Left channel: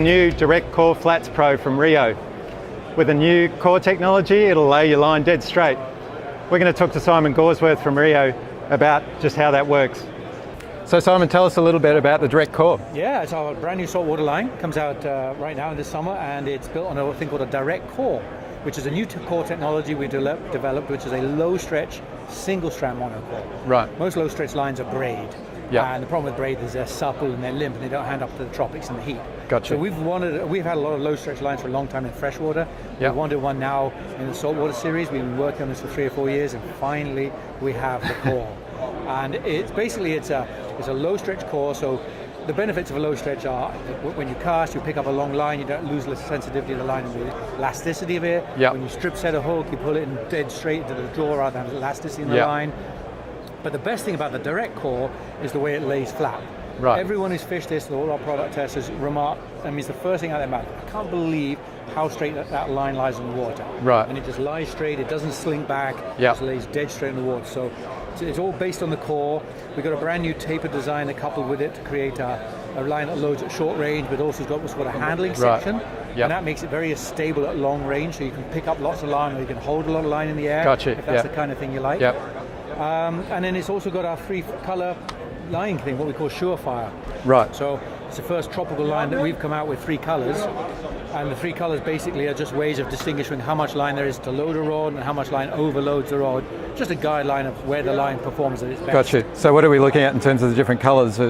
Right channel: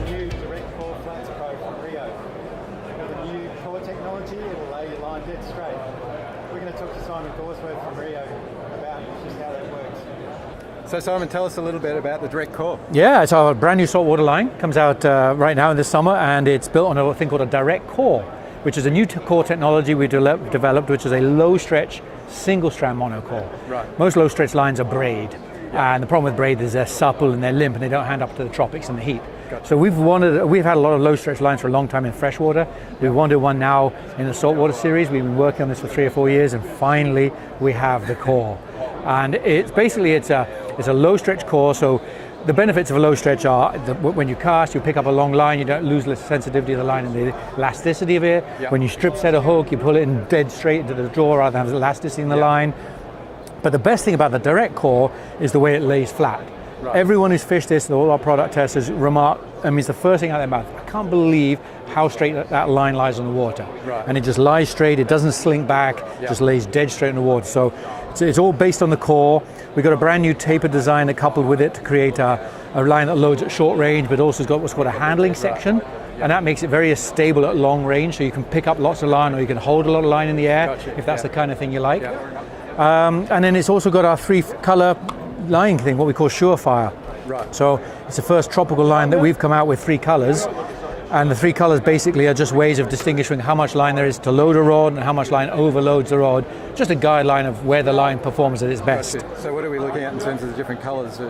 the new Direct Core Flats Pro from Rio. With a new core technology, it'll lay your line dead straight. We're going to talk to Simon Gawesworth from Rio about just how that works. So Simon, tell us a little bit about the Direct Core. Yeah, it's our brand new saltwater line. Comes out right now in this summer, and it's built on a thing called a Direct Core, which is a new core technology we developed, which is a low stretch, single strand monocore. Right. Most low stretch lines are braid. Yeah. And the problem with braid is they're supple and they're limp and they don't hand up to the tropics in the heat. Gotcha. So we've had a lot of low stretch lines for a long time in freshwater. Yep. We wanted one now in the saltwater series. We've been working on this for 3 or 4 years, and finally we have the core. And it's basically it's a low stretch core. So the benefits of a low stretch are that when you cast, you pick up a long line, you don't lose the sensitivity of the line and the elasticity of it. Yep. When you strip set a hook, you pull it in dead straight into the jaw rather than have elasticity in the line. But the best thing about the Direct Core is the way it lays flat. Right. Everyone who's fished this, all our product testers remark, it's the first thing out of their mouth. I can't believe how straight that line lies in the water. Right. And it just lies straight, it doesn't slink back, just lays dead straight in the water. So it's all based on the core. We've got a brand new taper design that coupled with it to create a line that loads at short range, but also has got what's called a handling section. Yep. And that makes it very stable at long range, so you can pick up lots of line or you can hold a lot of line in the air if that's the kind of thing you like. And then it's also got our 3-color line thing, what we call Surefire. Right. So it's the first tropical line that we've come out with 3 colors. And the 3 colors basically are just ways of distinguishing how much line there is to load a rod and how much line overloads the rod. Just a guideline of where the line performs at its best. Gotcha. So what are we looking at in terms of the different colors?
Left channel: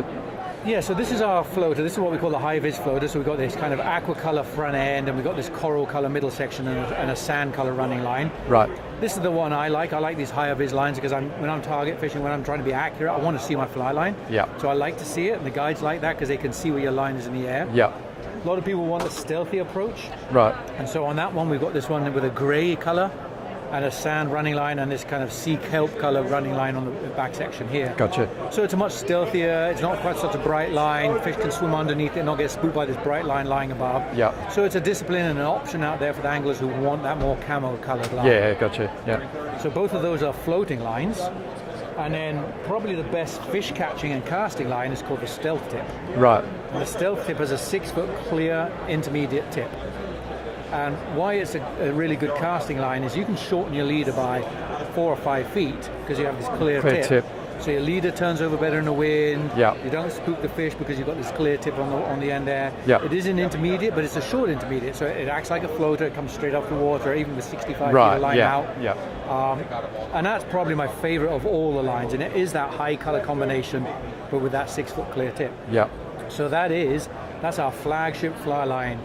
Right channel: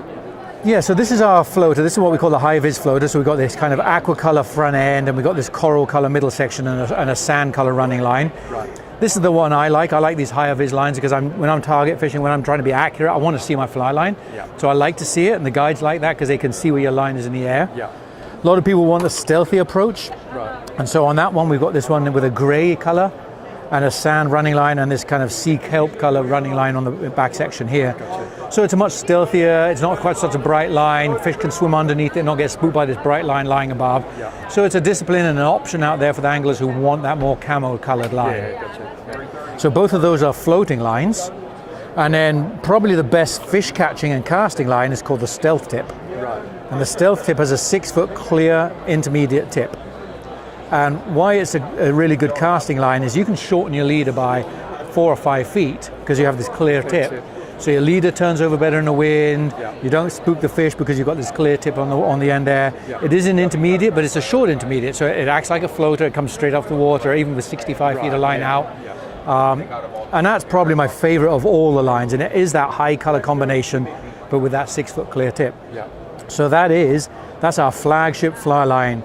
Yeah, so this is our floater. This is what we call the high-vis floater. So we've got this kind of aqua color front end, and we've got this coral color middle section and a sand color running line. Right. This is the one I like. I like these higher vis lines because when I'm target fishing, when I'm trying to be accurate, I want to see my fly line. Yeah. So I like to see it, and the guides like that because they can see where your line is in the air. Yeah. A lot of people want the stealthy approach. Right. And so on that one, we've got this one with a gray color and a sand running line and this kind of sea kelp color running line on the back section here. Gotcha. So it's a much stealthier, it's not quite such a bright line, fish can swim underneath it and not get spooked by this bright line lying above. Yeah. So it's a discipline and an option out there for the anglers who want that more camo colored line. Yeah, gotcha. Yeah. So both of those are floating lines. And then probably the best fish catching and casting line is called the Stealth Tip. Right. And the Stealth Tip has a 6-foot clear intermediate tip. And why it's a really good casting line is you can shorten your leader by 4 or 5 feet because you have this clear tip. So your leader turns over better in the wind. Yeah. You don't spook the fish because you've got this clear tip on the end there. Yeah. It is an intermediate, but it's a short intermediate, so it acts like a floater. It comes straight off the water, even with 65 feet of line out. Yeah. And that's probably my favorite of all the lines, and it is that high color combination, but with that 6-foot clear tip. Yeah. So that's our flagship fly line.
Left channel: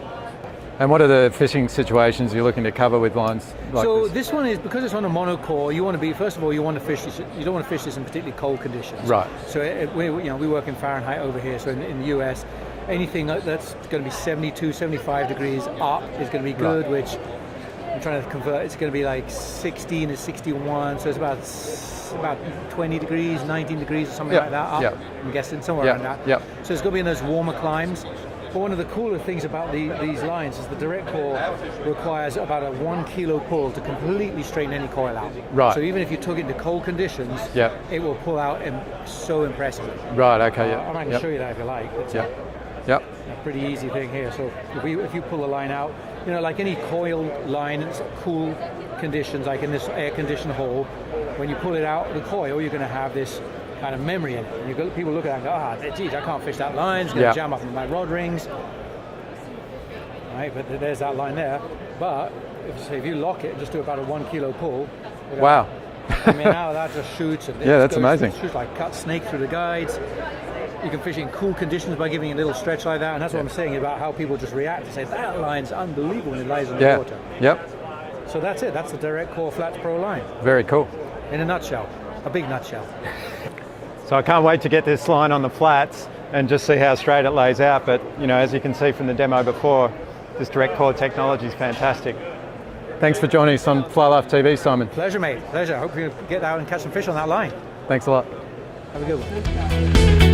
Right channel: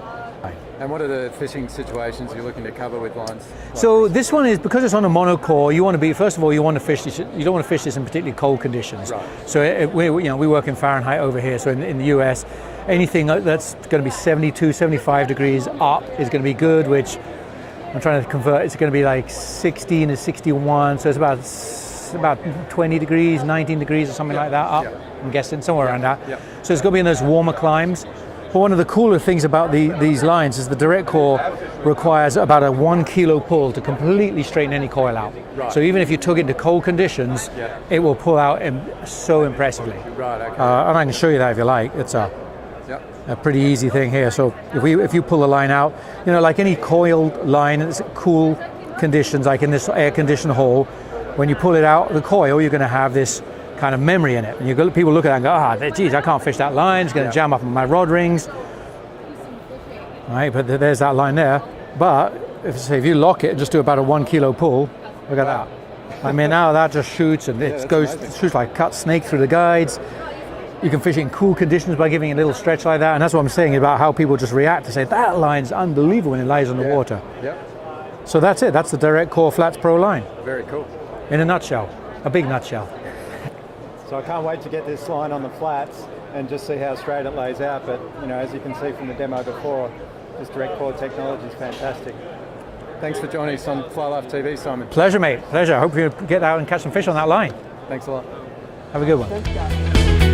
And what are the fishing situations you're looking to cover with lines like so this one is, because it's on a monocore, you want to be, first of all, you want to fish this, you don't want to fish this in particularly cold conditions. Right. So we work in Fahrenheit over here, so in the US, anything that's going to be 72, 75 degrees up is going to be good, right. Which I'm trying to convert, it's going to be like 16 to 61, so it's about 20 degrees, 19 degrees or something like that up, I'm guessing, somewhere around that. So it's got to be in those warmer climes. But one of the cooler things about these lines is the Direct Core requires about a 1 kilo pull to completely straighten any coil out. Right. So even if you took it into cold conditions, it will pull out so impressively. Right, okay. And I can show you that if you like. It's a pretty easy thing here. So if you pull the line out, like any coiled line, it's cool conditions, like in this air-conditioned hole, when you pull it out, the coil, you're going to have this kind of memory in it. And people look at it and go, geez, I can't fish that line, it's going to jam up on my rod rings. Right, but there's that line there. But if you lock it and just do about a 1 kilo pull, look at that. Now that just shoots and it shoots like cut snake through the guides. You can fish it in cool conditions by giving it a little stretch like that, and that's what I'm saying about how people just react to say, that line's unbelievable when it lies on the water. Yep. So that's it, that's the Direct Core Flats Pro line. Very cool. In a nutshell, a big nutshell. So I can't wait to get this line on the flats and just see how straight it lays out. But as you can see from the demo before, this Direct Core technology is fantastic. Thanks for joining us on Fly Life TV, Simon. Pleasure, mate. Pleasure. I hope you get out and catch some fish on that line. Thanks a lot. Have a good one.